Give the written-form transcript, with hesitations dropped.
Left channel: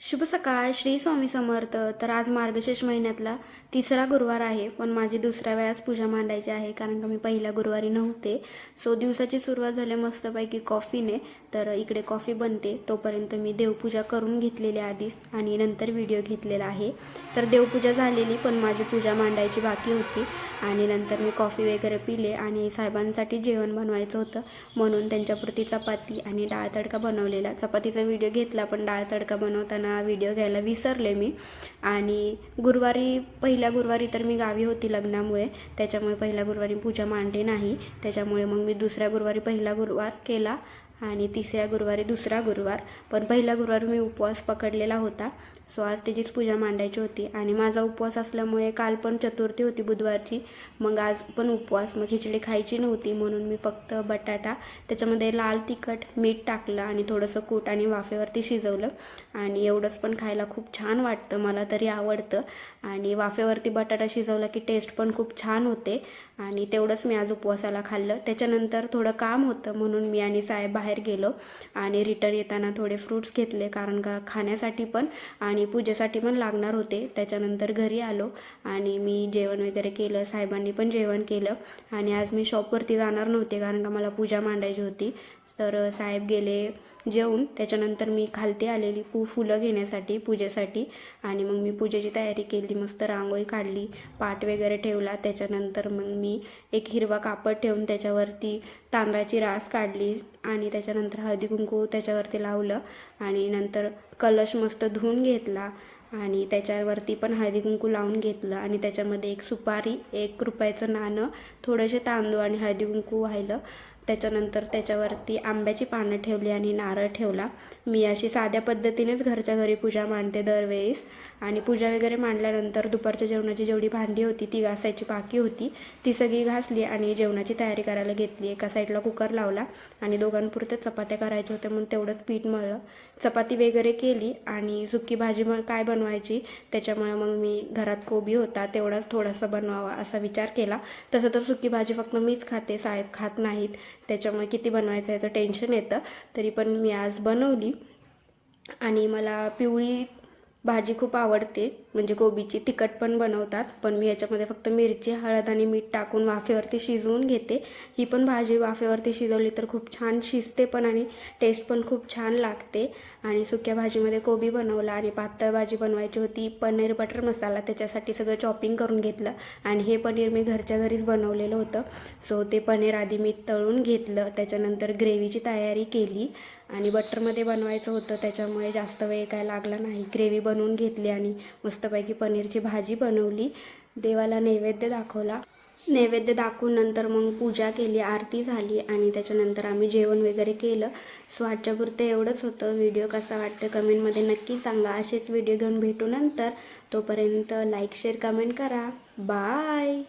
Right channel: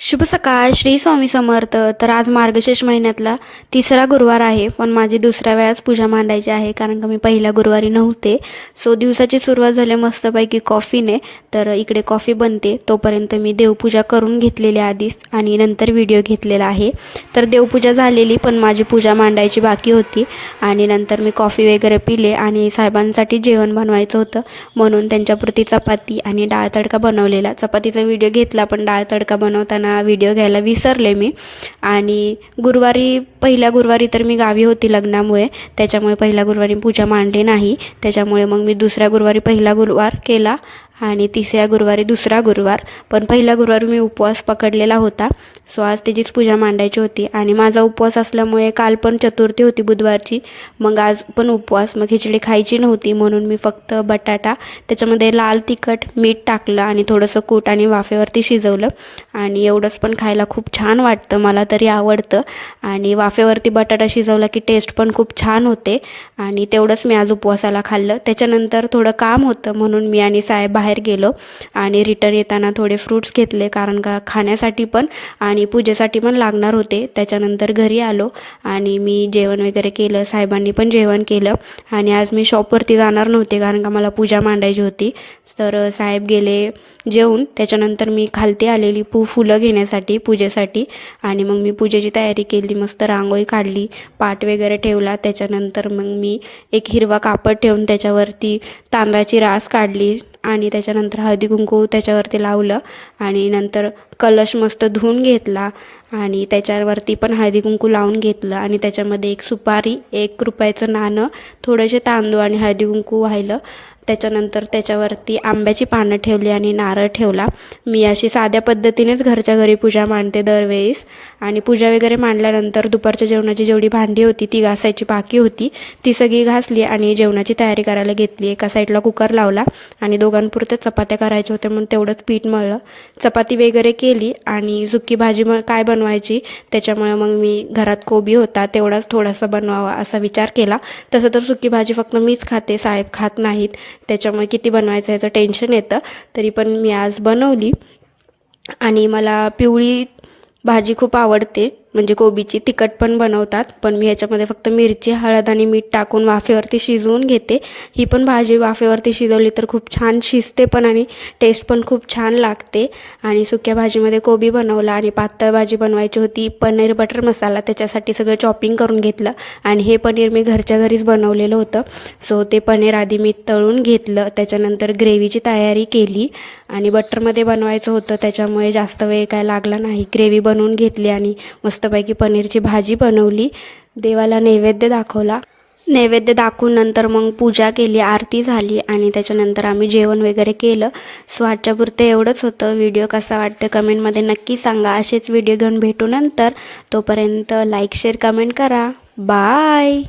शुभ सकाळ. श्री स्वामी समर्थ. तर आज मार्गशीर्ष महिन्यातला तिसरा गुरुवार आहे, पण माझी दुसऱ्या वेळास पूजा मांडायची आहे कारण का मी पहिल्या गुरुवारी नव्हते. सो दिवसाची सुरुवात झाली मस्तपैकी कॉफीने. तर इकडे कॉफी बनते तोपर्यंत मी देवपूजा करून घेतलेली आधीच आणि नंतर व्हिडिओ घेतलेला आहे. तर देवपूजा झालेली, पण माझी पूजा मांडायची बाकी होती. आणि नंतर मी कॉफी वगैरे पिले आणि साहेबांसाठी जेवण बनवायचं होतं म्हणून त्यांच्यापुरती चपाती आणि डाळ तडका बनवलेला. चपातीचा व्हिडिओ घेतला पण डाळ तडका बनवताना व्हिडिओ घ्यायला विसरले मी. आणि पहिल्या गुरुवारी तर मी गावी होती लग्नामुळे, त्याच्यामुळे पहिल्या गुरुवारी पूजा मांडली नाही. त्याच्यामुळे मग मी दुसऱ्या गुरुवारी पहिला गुरुवार केला आणि तिसऱ्या गुरुवारी दुसरा गुरुवार. पण पहिल्या गुरुवारी मी उपवास पकडलेला होता. सो आज त्याचीच पूजा मांडायची होती आणि माझा उपवास असल्यामुळे काल पण चतुर्थी होती बुधवारची, मग आज पण उपवास. मग खिचडी खायची नव्हती म्हणून मी फक्त बटाटा, त्याच्यामध्ये लाल तिखट मीठ टाकलं आणि थोडंसं कूट आणि वाफेवरती शिजवलं. आणि एवढंच पण खायला खूप छान वाटतं, मला तरी आवडतं. आणि वाफेवरती बटाटा शिजवला की टेस्ट पण खूप छान होते. आणि तेवढंच मी आज उपवासाला खाल्लं. त्याच्यानंतर थोडं काम होतं म्हणून मी आणि साहेब बाहेर गेलो आणि रिटर्न येताना थोडे फ्रूट्स घेतले कारण का खाण्यासाठी पण आणि पूजेसाठी पण लागणार होते. त्याच्यानंतर घरी आलो आणि मी जेवण वगैरे केलं, साहेबांनी पण जेवण केलं. आणि आज मी शॉपवरती जाणार नव्हते कारण का मला पूजा मांडायची होती. तर साहेब गेले जेवून. त्याच्यानंतर मी खालती आलेली फुलं घेण्यासाठी पूजेसाठी. आणि मग मी पूजेची तयारी केली, मस्त रांगोळी काढली, पाट वगैरे ठेवला. त्याच्यानंतर मग मी एक हिरवा कापड ठेवून त्याच्यावरती तांदळाची रास काढली आणि त्याच्यानंतर हळदी कुंकू त्याच्यावरती लावलं. आणि नंतर कलश मस्त धुवून घेतला आणि त्याच्यावरती पण हळदी कुंकू लावून घेतलं. आणि त्याच्यामध्ये एक सुपारी, 1 रुपयाचं नाणं, थोडेसे तांदूळ आणि हळदी कुंकू वाहिलं. त्याच्यानंतर त्याच्यावरती आंब्याची पानं ठेवली आणि नारळ ठेवला. मी अशी साध्या पद्धतीनेच घरच्या घरी पूजा मांडते दरवेळेस. आणि पूजा वगैरे मांडल्यानंतर दुपारच्या जेवणाची जेवढी भांडी होती ती घासायची बाकी होती, ती सगळी घासली आणि जेवणाची तयारी करायला घेतली. एका साईडला कुकर लावला आणि दोघांपुरत्या चपात्या करायच्या होत्या म्हणून तेवढंच पीठ मळलं, चपाती वगैरे केली. आणि सुकी भाजी काय बनवायची, त्याच्यामुळे मग मी घरात कोबी होता तेवढाच थोडासा बनवावा असा विचार केला. तसं तर सुकी भाजी फक्त मीच खाते, साहेब खात नाहीत, त्याच्यामुळे किती बनवायचं याचं टेन्शन येतं. तरी पण मी आज बनवली. आणि मला पिवळी भाजी खूप आवडते, म्हणजे कोबीची. तिखट पण बनवतात पण मी ह्याच्यामध्ये फक्त मिरची, हळद आणि मीठ टाकून वाफेवरती शिजवून घेते. ही पण भाजी वाफेवरती शिजवली तर खूप छान शिजते पण आणि टेस्ट पण खूप छान लागते. आणि सुक्या भाजीमध्ये कोबी बनवला. आणि पातळ भाजी बनवायची होती पनीर बटर मसाला, त्याच्यासाठी सगळं चॉपिंग करून घेतलं. आणि हे पनीर मी घरच्या घरीच बनवलेलं होतं. सो ते पनीर आधी मी तळून घेतलं, त्याच्यानंतर ग्रेव्हीची तयारी केली. आणि बटरमध्ये बनवायचं होतं त्याच्यामुळे जास्त वेळ काय लागला नाही. ग्रेव्ही बनवून घेतली आणि मस्तपैकी पनीरची भाजी बनवली. देवाला नैवेद्य दाखवला. नैवेद्य दाखवून नंतर मग पूजा केली, आरती झाली आणि त्याच्यानंतर आम्ही जेवण वगैरे केलं. सो आजच्यापुरतं एवढंच होतं. व्हिडिओ कसा वाटतं कमेंटमध्ये नक्की सांगा. असेच व्हिडिओ घेऊन भेटू नंतर. तोपर्यंत लाईक शेअर कमेंट करा. बाय.